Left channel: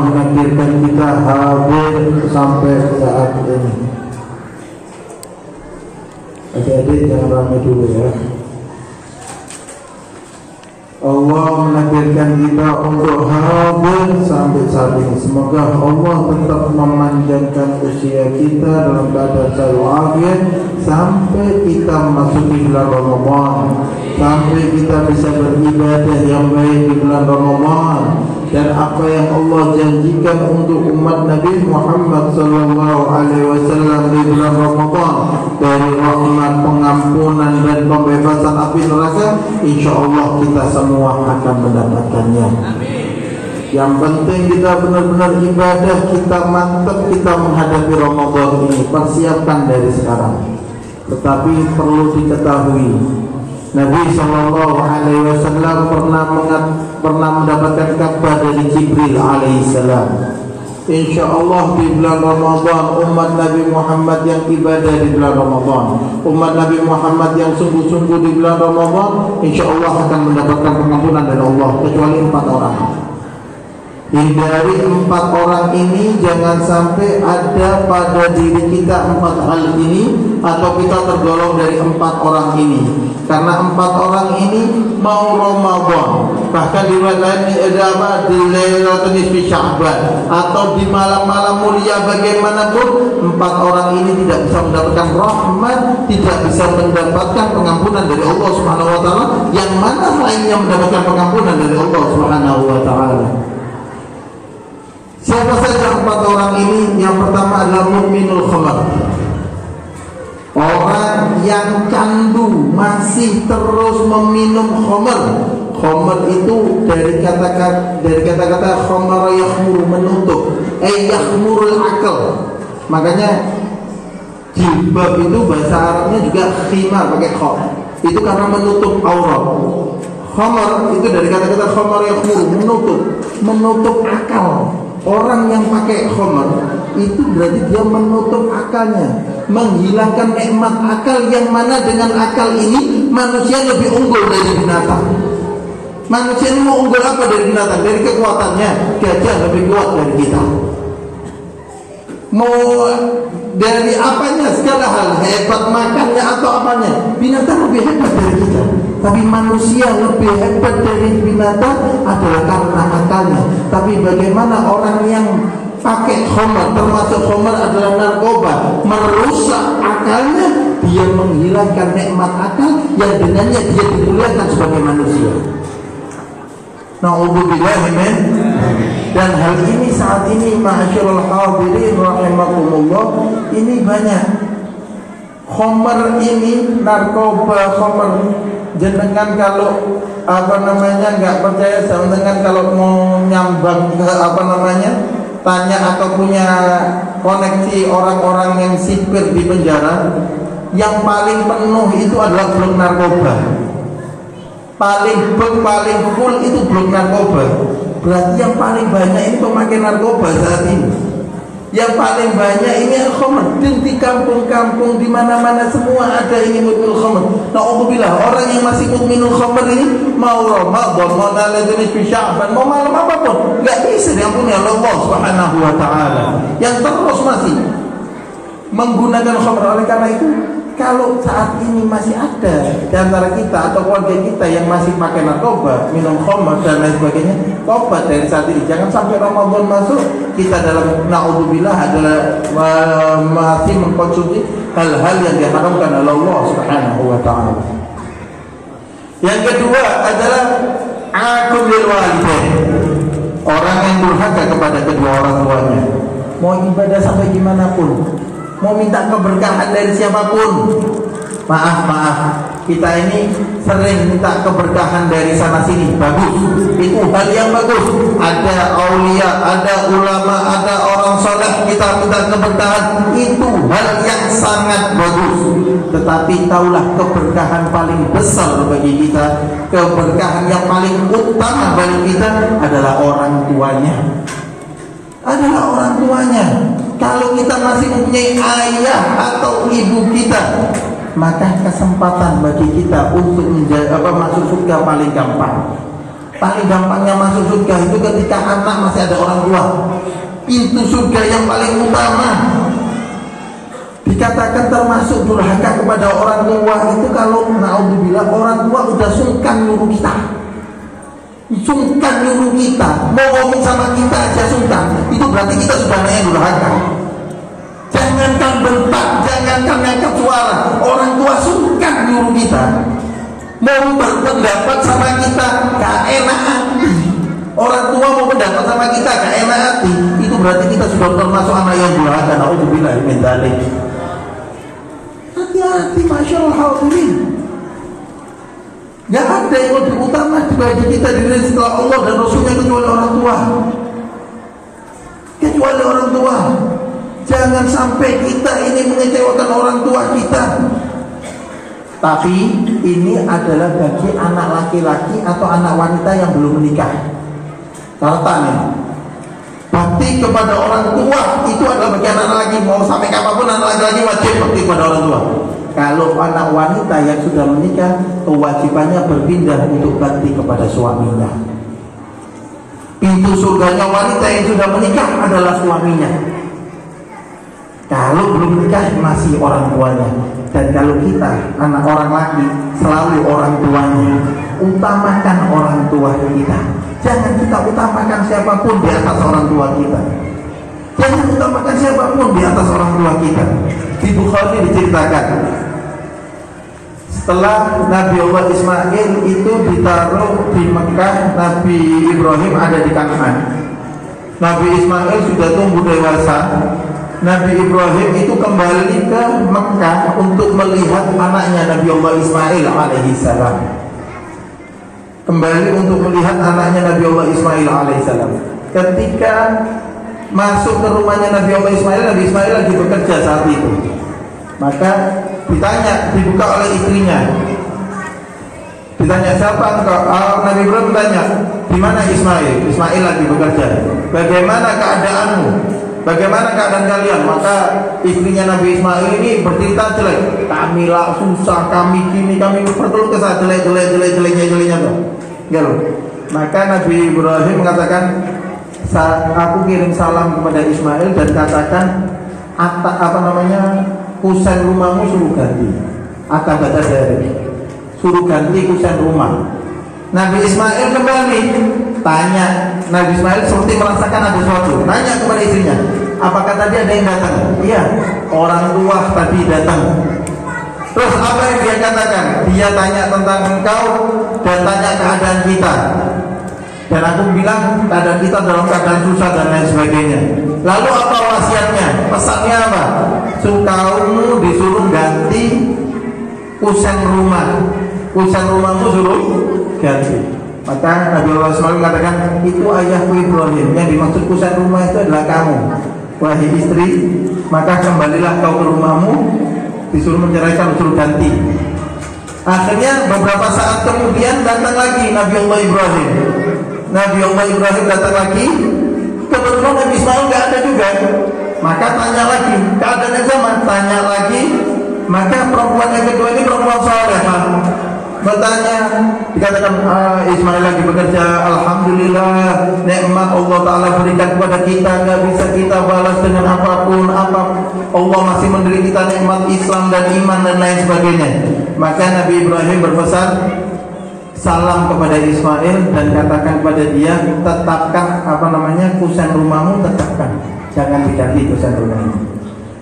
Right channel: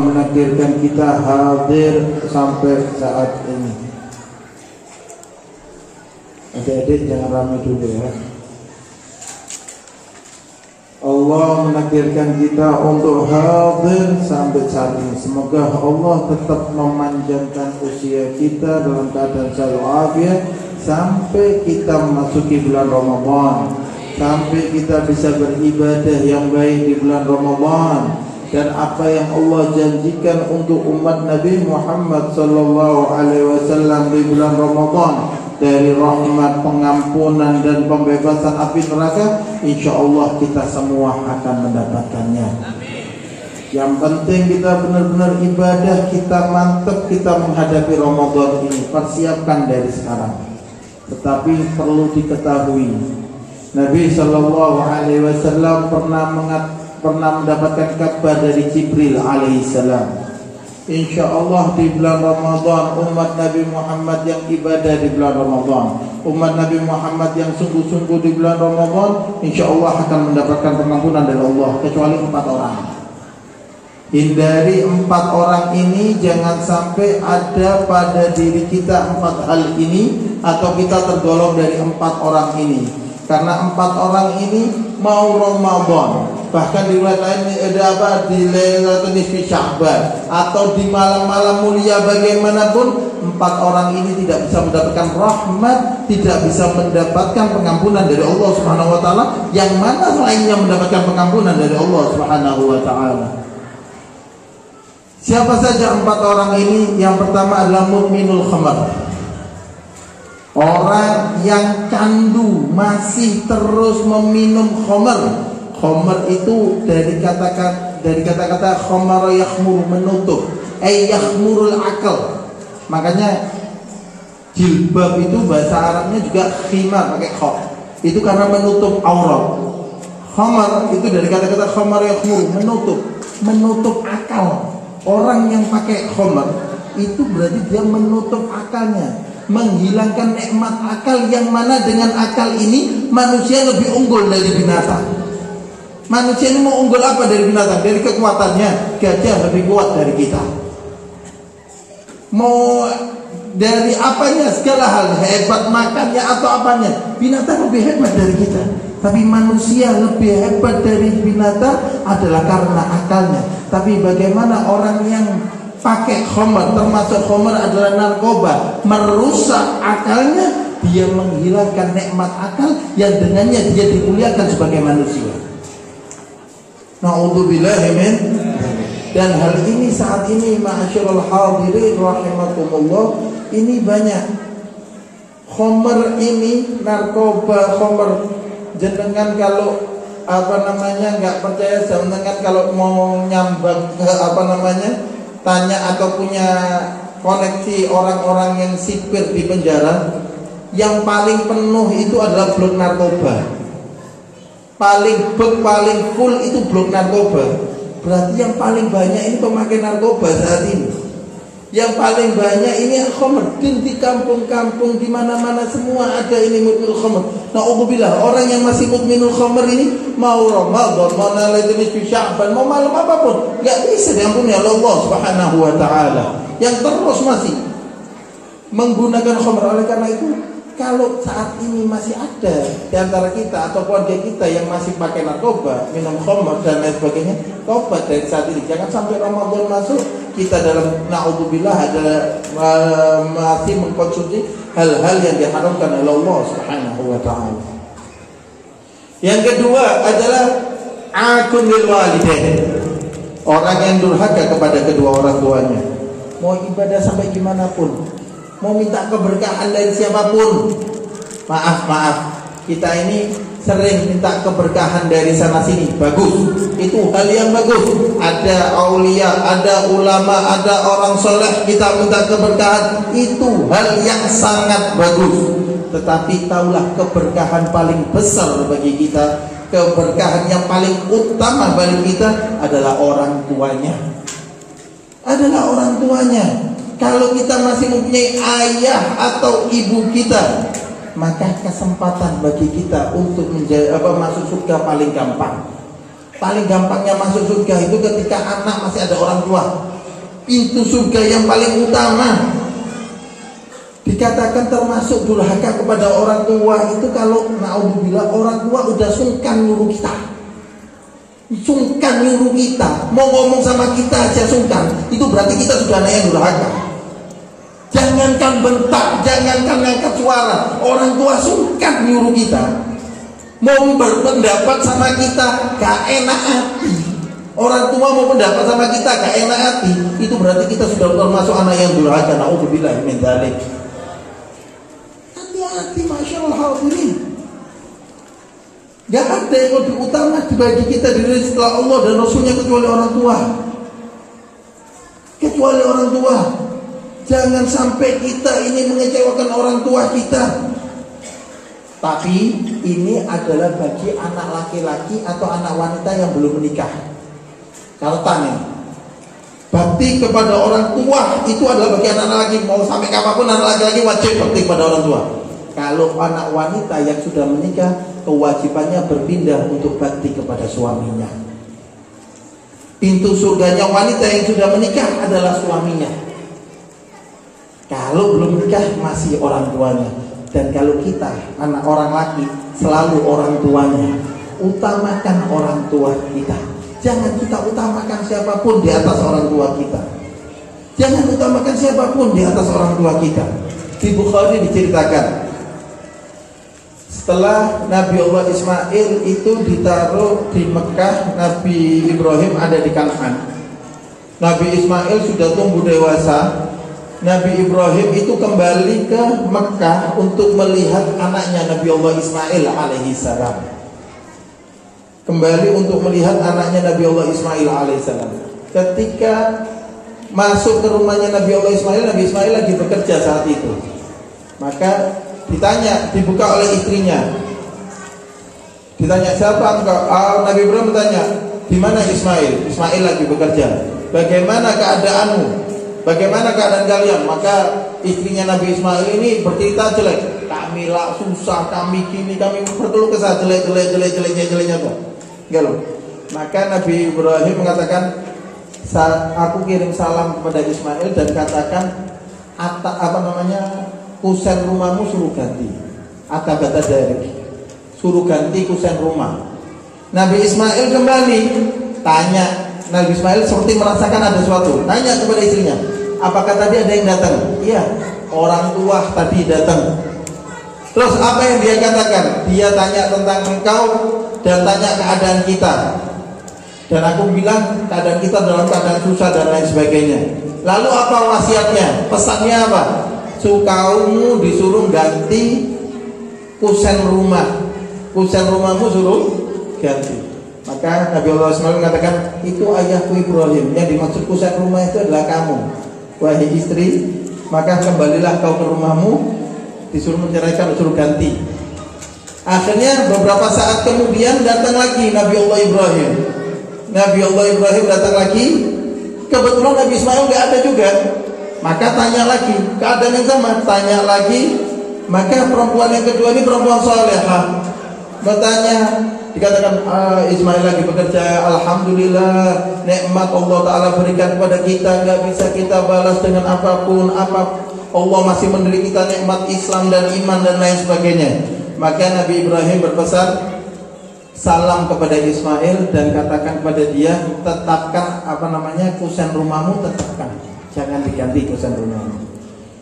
menakdirkan kita hadir sampai saat ini. Adik-adik jangan ramai dulu ya. Allah menakdirkan kita untuk hadir sampai saat ini. Semoga Allah tetap memanjangkan usia kita dalam keadaan sehat walafiat sampai kita memasuki bulan Ramadan, sampai kita bisa beribadah yang baik di bulan Ramadan. Dan apa yang Allah janjikan untuk umat Nabi Muhammad sallallahu alaihi wasallam di bulan Ramadan dari rahmat, pengampunan dan pembebasan api neraka, insyaallah kita semua akan mendapatkannya. Amin. Yang penting kita benar-benar ibadah, kita mantap, kita menghadapi Ramadan ini, persiapkan dari sekarang. Tetapi perlu diketahui, Nabi sallallahu alaihi wasallam pernah mendapatkan kabar dari Jibril alaihissalam. InsyaAllah di bulan Ramadan, umat Nabi Muhammad yang ibadah di bulan Ramadan, umat Nabi Muhammad yang sungguh-sungguh di bulan Ramadan, InsyaAllah akan mendapatkan pengampunan dari Allah, kecuali 4 orang. Hindari 4 orang ini, jangan sampai ada pada diri kita 4 hal ini, atau kita tergolong dari 4 orang ini. Karena 4 orang ini mau Ramadan, bahkan di riwayat lain ada apa, di Lailatul Nisfi Sya'ban, atau di malam-malam mulia bagaimanapun, 4 orang ini tidak bisa mendapatkan rahmat, tidak bisa mendapatkan pengampunan dari Allah Subhanahu wa taala. Yang mana lainnya mendapatkan pengampunan dari Allah Subhanahu wa taala? Siapa saja 4 orang ini? Yang pertama adalah mukminul khamar, orang yang candu, masih terus meminum khamar. Khamar itu dari kata-kata khamar yakhmur, menutup, yakhmurul akal. Makanya jilbab itu bahasa Arabnya juga khimar, pakai kha. Itu karena menutup aurat. Khamar itu dari kata-kata khamar yakhmur, menutup akal. Orang yang pakai khamar itu berarti dia menutup akalnya, menghilangkan nikmat akal, yang mana dengan akal ini manusia lebih unggul dari binatang. Manusia ini mau unggul apa dari binatang? Dari kekuatannya, gajah lebih kuat dari kita. Mau dari apanya, segala hal, hebat makannya atau apanya, binatang lebih hebat dari kita. Tapi manusia lebih hebat dari binatang adalah karena akalnya. Tapi bagaimana orang yang pakai khamar, termasuk khamar adalah narkoba, merusak akalnya, dia menghilangkan nikmat akal yang dengannya dia dimuliakan sebagai manusia. Na'udzubillah min. Dan hal ini saat ini ma'asyiral hadirin rahimakumullah, ini banyak. Khamar ini, narkoba, khamar, jenengan kalau nggak percaya, jenengan kalau mau nyambang ke tanya atau punya koneksi orang-orang yang sipir di penjara, yang paling penuh itu adalah blok narkoba. Paling full itu blok narkoba. Berarti yang paling banyak ini pemakai narkoba saat ini. Yang paling banyak ini khamr. Di kampung-kampung, di mana-mana semua ada ini mukminul khamr. Na'udzubillah, orang yang masih mukminul khamr ini mau Ramadan, mau Lailatul Nisfi Sya'ban, mau malam apapun, enggak bisa diampuni oleh Allah Subhanahu wa taala. Yang terus masih menggunakan khamr. Oleh karena itu, kalau saat ini masih ada di antara kita atau keluarga kita yang masih pakai narkoba, minum khamr dan lain sebagainya, tobat dari saat ini. Jangan sampai Ramadan masuk kita dalam na'udzubillah adalah masih mengkonsumsi hal-hal yang diharamkan oleh Allah Subhanahu wa taala. Yang kedua adalah aqul lil walidain, orang yang durhaka kepada kedua orang tuanya. Mau ibadah sampai gimana pun, mau minta keberkahan dari siapapun, maaf, kita ini sering minta keberkahan dari sana sini, bagus, itu hal yang bagus. Ada aulia, ada ulama, ada orang soleh, kita minta keberkahan, itu hal yang sangat bagus. Tetapi taulah keberkahan paling besar bagi kita, keberkahan yang paling utama bagi kita adalah orang tuanya. Kalau kita masih mempunyai ayah atau ibu kita, maka kesempatan bagi kita untuk masuk surga paling gampang. Paling gampangnya masuk surga itu ketika anak masih ada orang tua. Pintu surga yang paling utama. Dikatakan termasuk durhaka kepada orang tua itu kalau naudzubillah orang tua udah sungkan nyuruh kita. Sungkan nyuruh kita, mau ngomong sama kita aja sungkan. Itu berarti kita sudah yang durhaka. Jangankan bentak, jangankan ngangkat suara, orang tua sungkan nyuruh kita. Mau berpendapat sama kita gak enak hati. Orang tua mau pendapat sama kita gak enak hati. Itu berarti kita sudah termasuk anak yang durhaka. Naudzubillah min dzalik. Hati-hati masyaallah hadirin. Gak ada yang lebih utama bagi kita diri setelah Allah dan Rasulnya kecuali orang tua. Kecuali orang tua. Jangan sampai kita ini mengecewakan orang tua kita. Tapi ini adalah bagi anak laki-laki atau anak wanita yang belum menikah. Caranya, bakti kepada orang tua itu adalah bagi anak laki. Mau sampai kapanpun anak laki-laki wajib bakti kepada orang tua. Kalau anak wanita yang sudah menikah, kewajibannya berpindah untuk bakti kepada suaminya. Pintu surganya wanita yang sudah menikah adalah suaminya. Kalau belum menikah masih orang tuanya. Dan kalau kita anak orang laki selalu orang tuanya. Utamakan orang tua kita. Jangan kita utamakan siapapun di atas orang tua kita. Jangan utamakan siapapun di atas orang tua kita. Di Bukhari diceritakan, setelah Nabi Allah Ismail itu ditaruh di Mekah, Nabi Ibrahim ada di Kanaan. Nabi Ismail sudah tumbuh dewasa. Nabi Ibrahim itu kembali ke Mekah untuk melihat anaknya Nabi Allah Ismail alaihi salam. Kembali untuk melihat anaknya Nabi Allah Ismail alaihi salam. Ketika masuk ke rumahnya Nabi Allah Ismail, Nabi Ismail lagi bekerja saat itu. Maka ditanya, dibuka oleh istrinya. Ditanya, siapa engkau? Nabi Ibrahim bertanya, di mana Ismail? Ismail lagi bekerja. Bagaimana keadaanmu? Bagaimana keadaan kalian? Maka istrinya Nabi Ismail ini bercerita jelek. Kami lah susah, kami gini, kami berkeluh kesah jeleknya tuh. Gitu. Maka Nabi Ibrahim mengatakan, aku kirim salam kepada Ismail dan katakan kusen rumahmu suruh ganti. Kata dari suruh ganti kusen rumah. Nabi Ismail kembali tanya. Nabi Ismail seperti merasakan ada sesuatu. Tanya kepada istrinya, apakah tadi ada yang datang? Iya, orang tua tadi datang. Terus apa yang dia katakan? Dia tanya tentang engkau dan tanya keadaan kita. Dan aku bilang keadaan kita dalam keadaan susah dan lain sebagainya. Lalu apa wasiatnya? Pesannya apa? Kaummu disuruh ganti kusen rumah. Kusen rumahmu suruh ganti. Maka Nabi Allah SAW mengatakan, itu ayahku Ibrahim. Yang dimaksud kusen rumah itu adalah kamu, wahai istri. Maka kembalilah kau ke rumahmu. Disuruh menceraikan, disuruh ganti. Akhirnya beberapa saat kemudian datang lagi Nabi Allah Ibrahim. Nabi Allah Ibrahim datang lagi. Kebetulan Nabi Ismail gak ada juga. Maka tanya lagi, keadaan yang sama. Tanya lagi. Maka perempuan yang kedua ini perempuan salehah. Bertanya, dikatakan Ismail lagi bekerja. Alhamdulillah, nikmat Allah Ta'ala berikan kepada kita, gak bisa kita balas dengan apapun. Allah masih memberi kita nikmat Islam dan iman dan lain sebagainya. Maka Nabi Ibrahim berpesan, salam kepada Ismail dan katakan kepada dia, tetapkan kusen rumahmu, tetapkan, jangan diganti kusen rumahmu.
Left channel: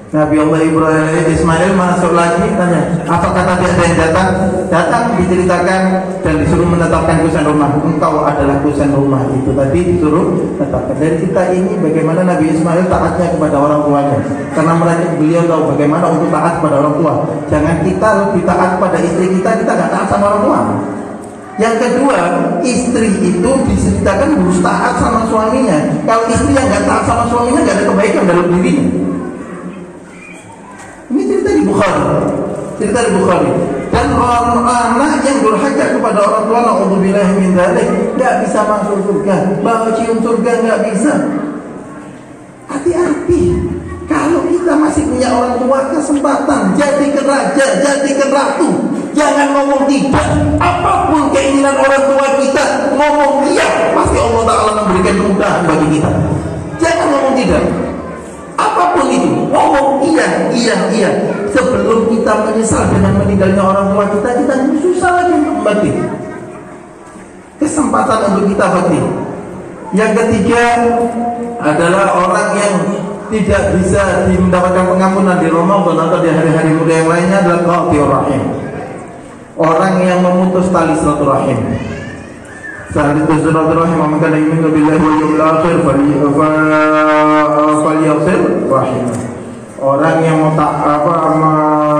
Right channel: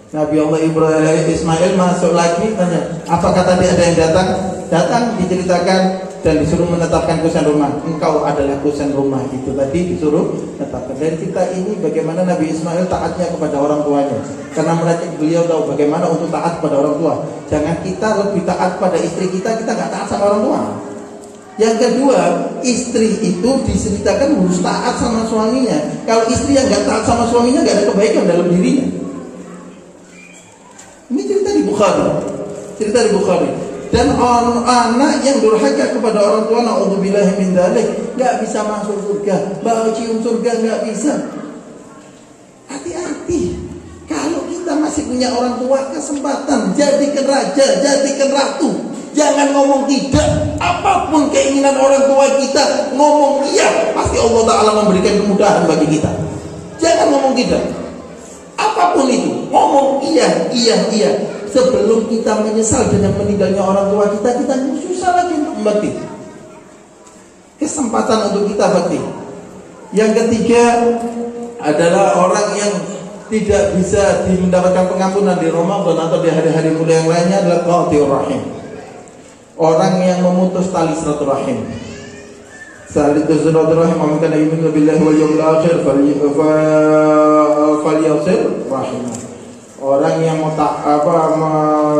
Nabi Allah Ibrahim Ismail masuk lagi, tanya, apakah tadi ada yang datang? Datang, diceritakan dan disuruh menetapkan kusen rumah. Engkau adalah kusen rumah itu tadi, disuruh menetapkan. Dari kita ini bagaimana Nabi Ismail taatnya kepada orang tuanya, karena beliau tahu bagaimana untuk taat kepada orang tua. Jangan kita lebih taat pada istri kita gak taat sama orang tua. Yang kedua, istri itu diceritakan harus taat sama suaminya. Kalau istri yang gak taat sama suaminya, gak ada kebaikan dalam dirinya. Ini cerita di Bukhari. Dan anak yang durhaka kepada orang tua, naudzubillah min dzalik, enggak bisa masuk surga. Bau cium surga enggak bisa. Hati-hati. Kalau kita masih punya orang tua, kesempatan jadikan raja, jadikan ratu, Jangan ngomong tidak. Apapun keinginan orang tua kita, ngomong iya, pasti Allah Ta'ala memberikan kemudahan bagi kita. Jangan ngomong tidak. Apapun itu, ngomong iya, iya, iya. Sebelum kita menyesal dengan meninggalnya orang tua kita susah lagi untuk bakti. Kesempatan untuk kita bakti. Yang ketiga adalah orang yang tidak bisa mendapatkan pengampunan di Ramadan atau di hari-hari mulia yang lainnya adalah qati'ur rahim. Orang yang memutus tali silaturahim. Saat itu silaturahim maka yu'minu billahi wal yawmil akhir falyasir rahim. Orang yang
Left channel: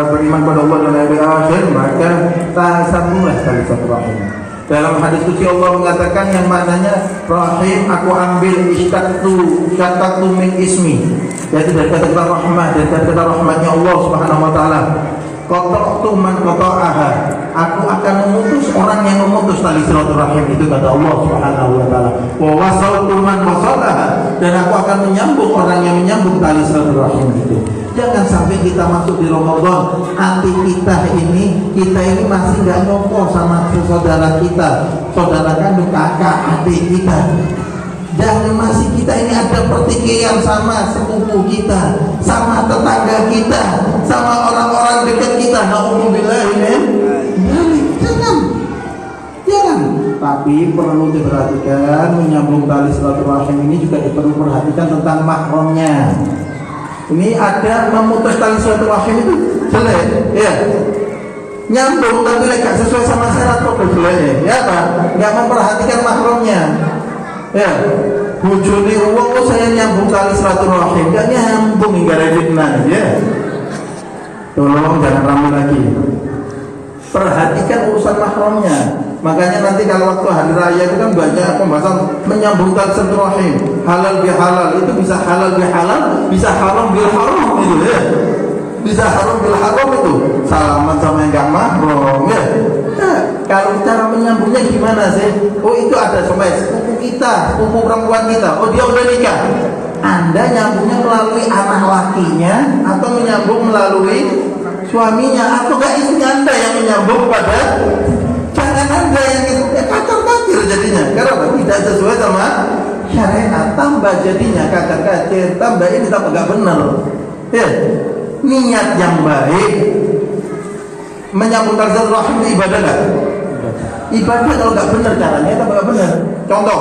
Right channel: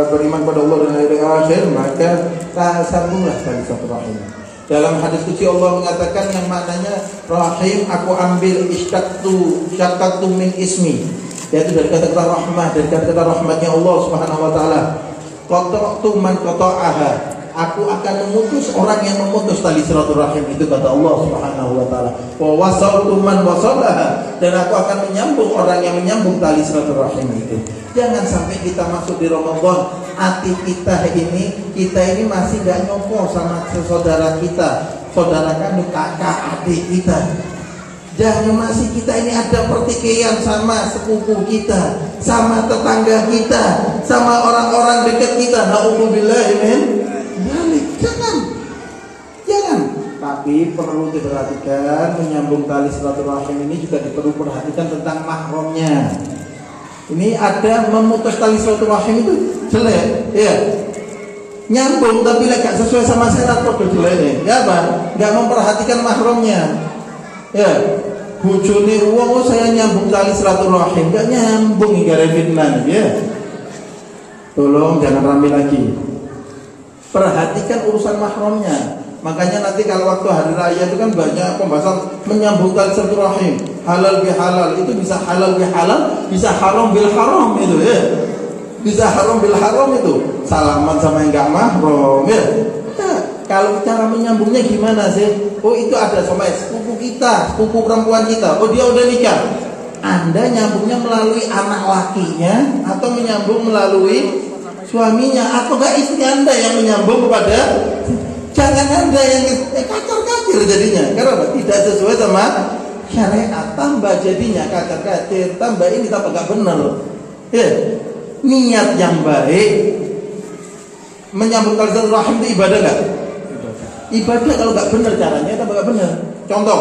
beriman pada Allah dan hari akhir maka sambunglah tali silaturahim. Dalam hadis qudsi Allah mengatakan yang maknanya rahim, aku ambil syaqaqtu min ismi, yaitu dari kata-kata rahmah, dari kata-kata rahmatnya Allah Subhanahu wa taala. Qata'tu man qata'aha, aku akan memutus orang yang memutus tali silaturahim, itu kata Allah Subhanahu wa taala. Wa wasaltu man wasalaha, dan aku akan menyambung orang yang menyambung tali silaturahim itu. Jangan sampai kita masuk di Ramadan, hati kita ini masih nggak nyopor sama saudara kita, saudara kandung, kakak, adik kita. Jangan masih kita ini ada pertikaian sama sepupu kita, sama tetangga kita, sama orang-orang dekat kita. Na'udzubillahi min dzalik. Jangan. Tapi perlu diperhatikan, menyambung tali silaturahim ini juga perlu perhatikan tentang mahramnya. Ini ada memutus tali silaturahim itu jelek, ya. Nyambung tapi gak sesuai sama syarat kok jelek, ya apa? Gak memperhatikan mahramnya, ya. Bojone wong saya nyambung tali silaturahim, gak nyambung hingga fitnah, ya. Tolong jangan ramai lagi. Perhatikan urusan mahramnya. Makanya nanti kalau waktu hari raya itu kan banyak pembahasan menyambungkan silaturahim. Halal bi halal, itu bisa halal bi halal, bisa haram bil haram itu, ya. Bisa haram bil haram itu. Salaman sama yang enggak mahram, ya. Nah, kalau cara menyambungnya gimana sih? Oh, itu ada sama sepupu kita, sepupu perempuan kita. Oh, dia udah nikah. Anda nyambungnya melalui anak lakinya atau menyambung melalui suaminya, atau enggak istri Anda yang menyambung pada. Jangan Anda yang kacir jadinya, karena tidak sesuai sama syariat. Tambah jadinya kacir, tambah ini tambah gak benar. Ya, niat yang baik menyambung tali silaturahim itu ibadah gak? Ibadah kalau gak benar caranya tambah gak benar. Contoh,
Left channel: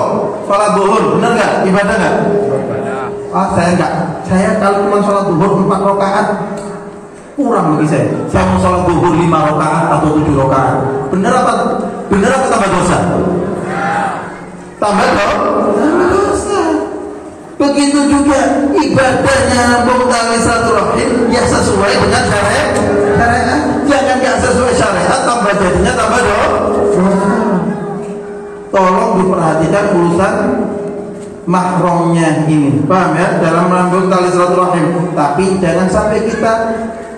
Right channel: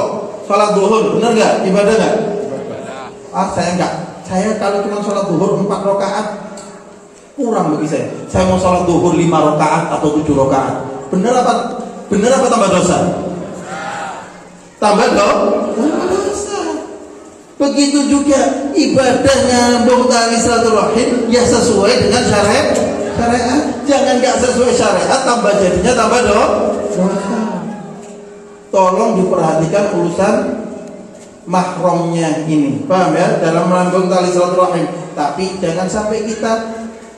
sholat zuhur benar gak? Ibadah gak? Saya enggak. Saya kalau cuma sholat zuhur 4 rakaat kurang bagi saya. Saya mau sholat zuhur 5 rakaat atau 7 rakaat. Benar apa tambah dosa? Tambah dosa. Begitu juga ibadahnya nyambung tali silaturahim ya sesuai dengan syariat. Jangan gak sesuai syariat tambah jadinya tambah dosa. Tolong diperhatikan urusan mahramnya ini, paham ya? Dalam menyambung tali silaturahim. Tapi jangan sampai kita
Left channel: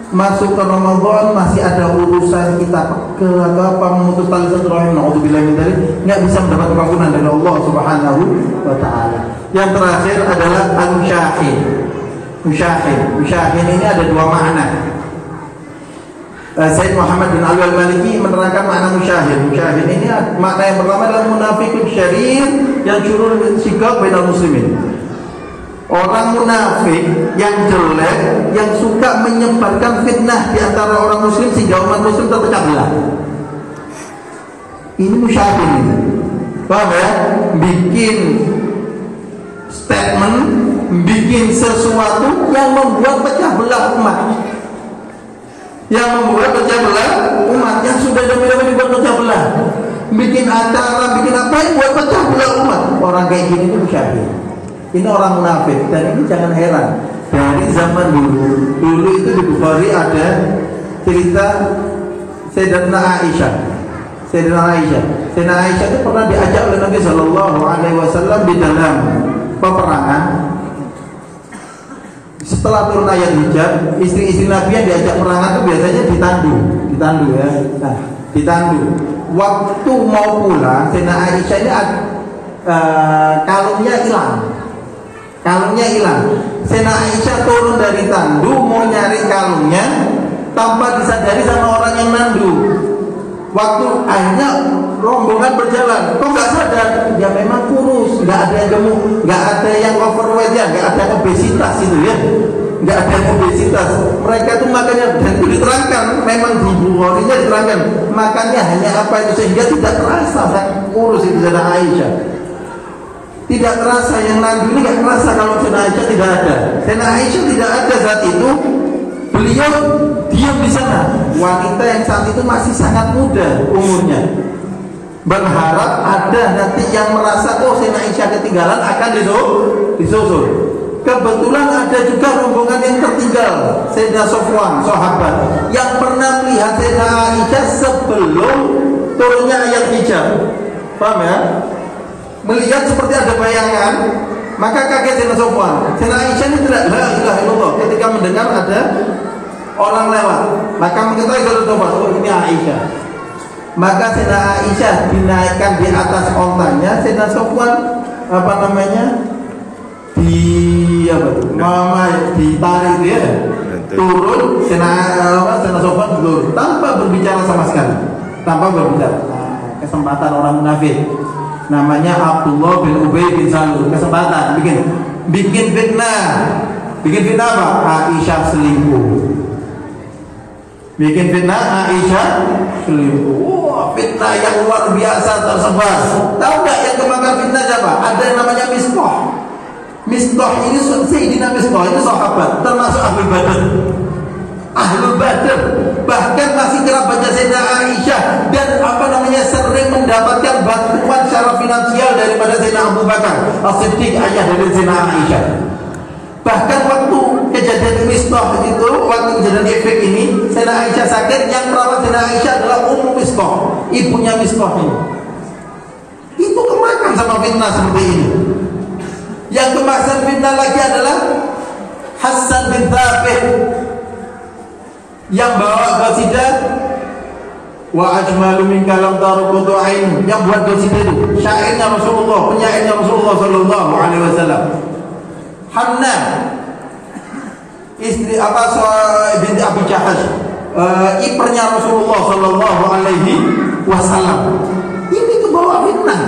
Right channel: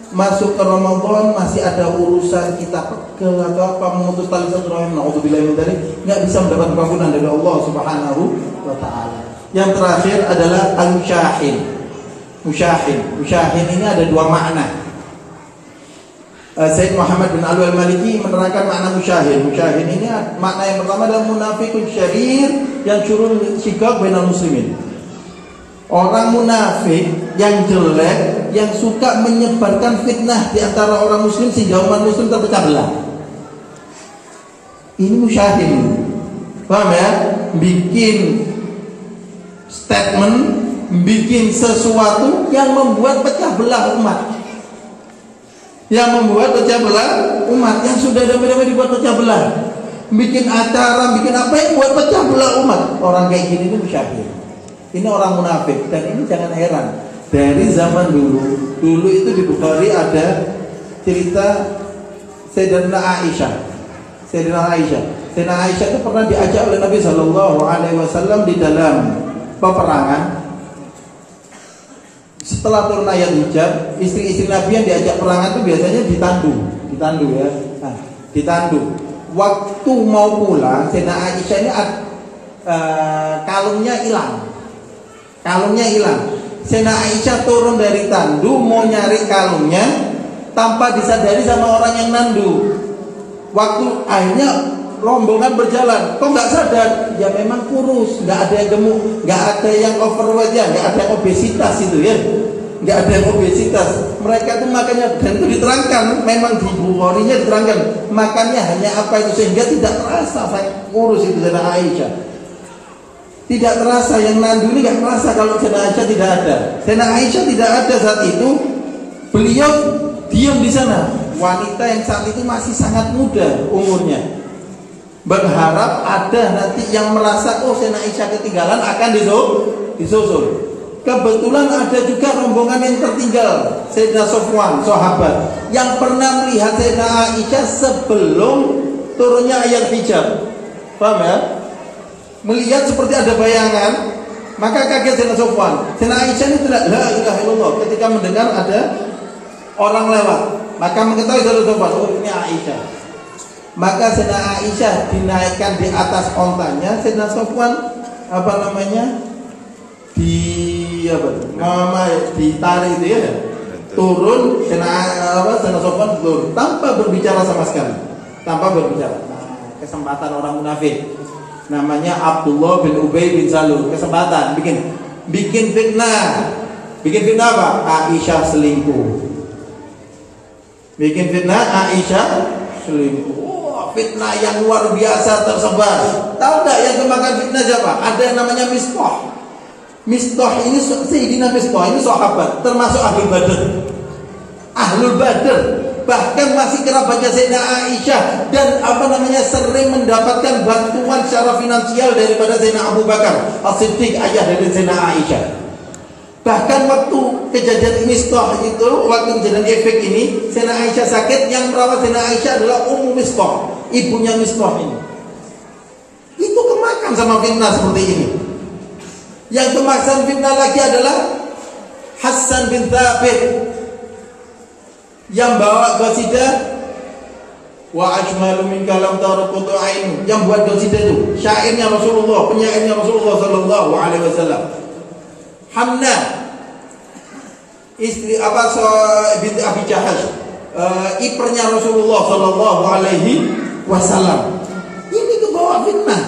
masuk ke Ramadan masih ada urusan kita pegel atau apa memutus tali silaturahim, naudzubillahi min dzalik, enggak bisa mendapat pengampunan dari Allah Subhanahu wa taala. Yang terakhir adalah al-musyahin. Musyahin ini ada 2 makna. Sayyid Muhammad bin Ali al-Maliki menerangkan makna musyahin. Musyahin ini makna yang pertama adalah munafiqun syarir yang curul sikap bainal muslimin. Orang munafik yang jelek, yang suka menyebarkan fitnah di antara orang muslim sehingga umat muslim terpecah belah. Ini musyahin. Paham ya? Bikin statement, bikin sesuatu yang membuat pecah belah umat. Yang membuat pecah belah umat, yang sudah damai-damai dibuat pecah belah. Bikin acara, bikin apa yang buat pecah belah umat. Orang kayak gini itu musyahin. Ini orang munafik, dan ini jangan heran. Dari zaman dulu itu di Bukhari ada cerita Sayyidatina Aisyah. Sayyidatina Aisyah itu pernah diajak oleh Nabi Shallallahu Alaihi Wasallam di dalam peperangan. Setelah turun ayat hijab, istri-istri Nabi yang diajak peperangan itu biasanya ditandu ya. Nah, ditandu. Waktu mau pulang, Sayyidatina Aisyah ini kalungnya hilang. Sayyidatina Aisyah turun dari tandu mau nyari kalungnya tanpa disadari sama orang yang nandu. Waktu akhirnya rombongan berjalan, kok nggak sadar? Ya memang kurus, nggak ada yang gemuk, nggak ada yang overweight ya, nggak ada yang obesitas itu ya, nggak ada yang obesitas. Mereka tuh makanya, dan itu diterangkan, memang di Bukharinya diterangkan, makannya hanya apa itu sehingga tidak terasa sang kurus itu Sayyidah Aisyah. Tidak terasa, yang nandu ini nggak terasa kalau Sayyidah Aisyah tidak ada. Sayyidah Aisyah tidak ada saat itu, beliau diam di sana. Wanita yang saat itu masih sangat muda umurnya, berharap ada nanti yang merasa oh Sayyidah Aisyah ketinggalan akan disusul. Kebetulan ada juga rombongan yang tertinggal, Sayyidina Sofwan, sahabat yang pernah melihat Sayyidah Aisyah sebelum turunnya ayat hijab. Paham ya? Melihat seperti ada bayangan, maka kaget Sayyidina Sofwan. Sayyidah Aisyah ini tidak la ilaha illallah ketika mendengar ada orang lewat, maka mengetahui Sayyidina Sofwan, oh ini Aisyah. Maka Sayyidah Aisyah dinaikkan di atas ontanya, Sayyidina Sofwan ditarik dia turun, Sayyidina Sofwan turun tanpa berbicara sama sekali, tanpa berbicara. Kesempatan orang munafik, namanya Abdullah bin Ubay bin Salul, kesempatan bikin fitnah apa? Aisyah selingkuh. Bikin fitnah Aisyah selingkuh. Wah, fitnah yang luar biasa tersebar. Tahu nggak yang kemakan fitnah siapa? Ada yang namanya Mistah. Mistah ini Sayyidina Mistah ini sahabat, termasuk Ahlul Badr. Ahlul Badr, bahkan masih kerabatnya Sayyidah Aisyah dan sering mendapatkan bantuan secara finansial daripada Sayyidina Abu Bakar As-Siddiq, ayah dari Sayyidina Aisyah. Bahkan waktu kejadian Mistah itu, waktu kejadian efek ini, Sayyidah Aisyah sakit, yang merawat Sayyidah Aisyah adalah Ummu Mistah, ibunya Mistah ini. Itu kemakan sama fitnah seperti ini. Yang kemakan fitnah lagi adalah Hasan bin Thabit yang bawa qasidah wa ajmalu min kalam tarukutu ain, yang buat qasidah itu syairnya Rasulullah, penyairnya Rasulullah sallallahu alaihi wasallam. Hanna istri binti Abi Jahash, iparnya Rasulullah sallallahu alaihi wasallam. Ini ke bawah fitnah.